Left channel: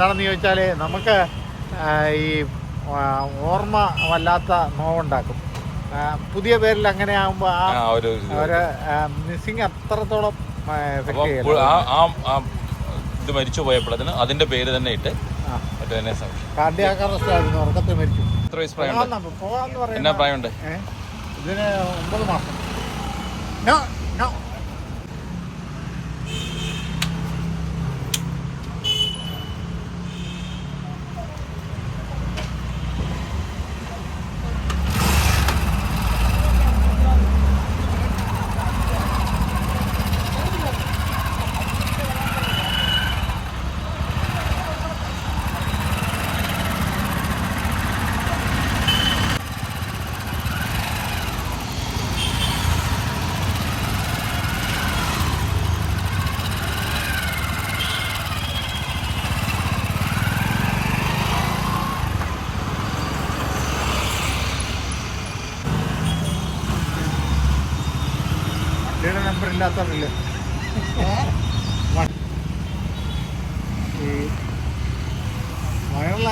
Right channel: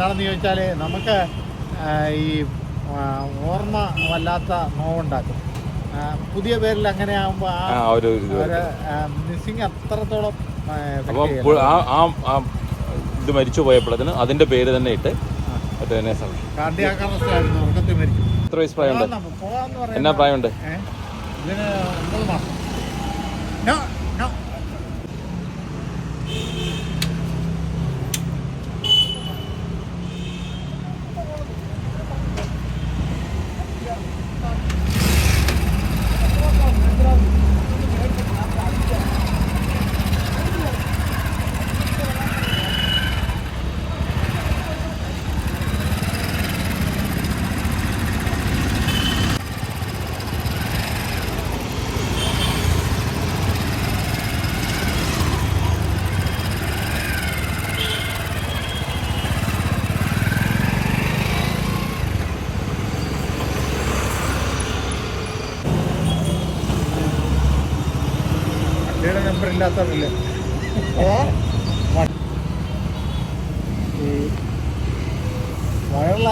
എന്താണെന്ന് ചോദിച്ചാൽ നമുക്ക് ഈ ഓർമ്മ വല്ലാത്ത നോവുണ്ടാക്കും. പുതിയ പേരിൽ അങ്ങനെ ആകുമ്പോൾ ആ ഒരു മിസ്സിങ് അത്രത്തോളം എഫക്ട് ചെയ്യണം. ഇത് മരിച്ചു പോയപ്പോഴത്തിന് അതിന്റെ പേര് തന്നെ ഇട്ട് കാർഡിയാക് അറസ്റ്റ് ആയിരുന്നു, ഉറക്കത്തിൽ മരിച്ചു. എത്ര വയസ്സ് പോകാന്ന് പറയുന്നത് പ്രായമുണ്ട്? ഇതിന് 9 മാസം. നോ നോ വണ്ടിയുടെ നമ്പർ ഇല്ലാത്തവരില്ല.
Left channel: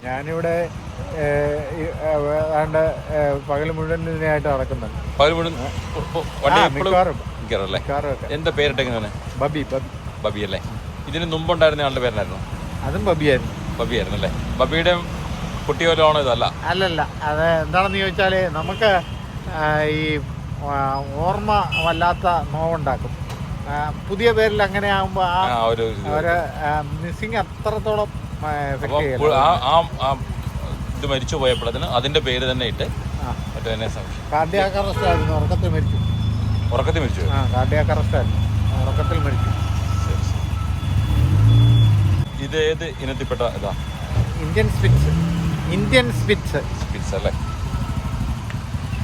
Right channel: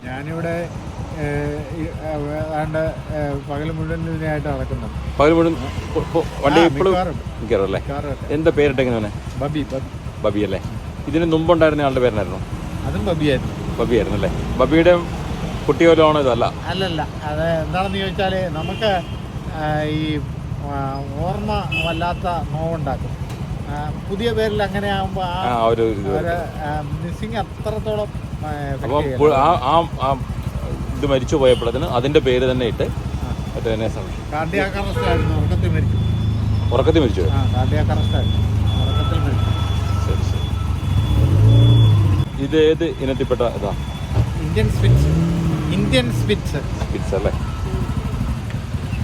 ഞാനിവിടെ ഏതാണ്ട് പകൽ മുഴുവൻ ഇതിനായിട്ട് നടക്കുന്നുണ്ട്. മിക്കവാറും എന്താ പേരിട്ടെങ്ങനെ? ബബി ബബി അല്ലേ? ഇതിന് മുമ്പുണ്ടായിരുന്ന ആളുടെ പേരായിരുന്നു? അതും ബബിയായിരുന്നു. ബബിയായിരുന്നല്ലേ? ബബിയുടെ കുട്ടിയോലാണോ ഇതല്ല? അല്ലല്ല, അത് എന്താണെന്ന് ചോദിച്ചാൽ നമുക്ക് ഈ ഓർമ്മ വല്ലാത്ത നോവുണ്ടാക്കും. പുതിയ പേരിൽ അങ്ങനെ ആകുമ്പോൾ ആ ഒരു മിസ്സിങ് അത്രത്തോളം എഫക്ട് ചെയ്യണം. ഇത് മരിച്ചു പോയപ്പോഴത്തിന് അതിന്റെ പേര് തന്നെ ഇട്ട് കാർഡിയാക് അറസ്റ്റ് ആയിരുന്നു, ഉറക്കത്തിൽ മരിച്ചു. ഉറക്കത്തിൽ മരിച്ചു? കാർഡിയാക് അറസ്റ്റ് ആയിരുന്നു, ഉറക്കത്തിൽ മരിച്ചു. ഇത് ഏത് ഇനത്തിൽപ്പെട്ട? Indian spitz. ഇന്ത്യൻ സ്പിറ്റ്സ് അല്ലേ?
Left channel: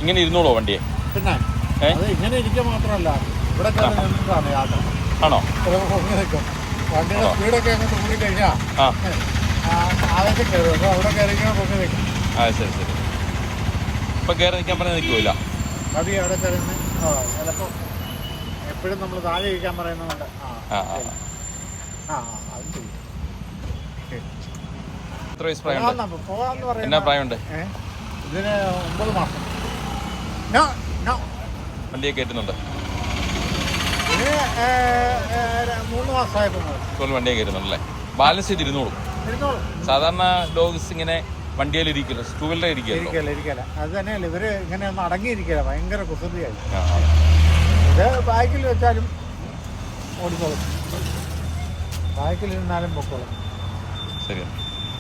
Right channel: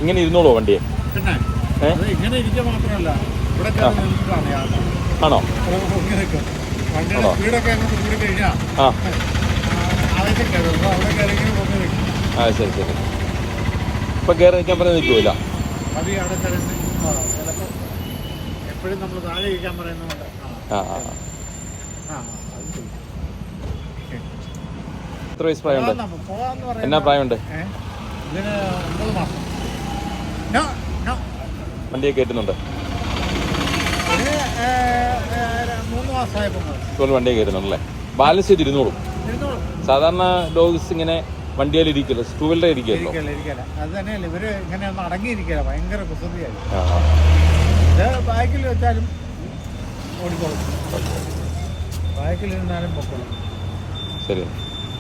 ഇങ്ങനെ ഇരുന്നോളൂ വണ്ടിയെ? പിന്നെ അത് ഇങ്ങനെ ഇരിക്കുക മാത്രമല്ല, ഇവിടെ കയറി നിന്നിട്ടാണ് യാത്ര. പൊങ്ങി നിൽക്കും. വണ്ടിയുടെ സ്പീഡൊക്കെ അങ്ങോട്ട് കൂടി കഴിഞ്ഞാൽ ആദ്യത്തെ കയറും. അപ്പോൾ അവിടെ കയറിക്കണ പൊങ്ങി നിൽക്കും. ഇപ്പം കയറി നിൽക്കില്ല. അത് അവിടെ കയറുന്ന ചിലപ്പോൾ എപ്പോഴും നമ്മൾ താഴെ ഇരിക്കാൻ പറയുന്നുണ്ട്. അത് ചെയ്യും. എത്ര വയസ്സ് പ്രായമുണ്ട്? പോകാന്ന് പറയുന്നത് പ്രായമുണ്ട്? ഇതിന് 9 മാസം. നോ നോ വണ്ടിയെ കയറ്റുന്നുണ്ട്? ഇതിന് 3 മാസമായപ്പോൾ വണ്ടി കയറുന്നല്ലേ? ബാലൻസ് ചെയ്ത് ഇരുന്നോളൂ. സാധാരണ ഡോഗ്സ് ഇങ്ങനെ വണ്ടിയിലിരിക്കില്ല, ടൂ വീലർ ഇരിക്കല. അത് തന്നെയല്ല, ഇവര് ഇങ്ങനെ ഒന്നും അടങ്ങിയിരിക്കില്ല, ഭയങ്കര കുസൃതിയായി. ഇത് ബാക്കിൽ വെച്ചാലും ഓടിക്കോളും, ബാക്കിലിരുന്നാലും പൊക്കോളും. ശരി.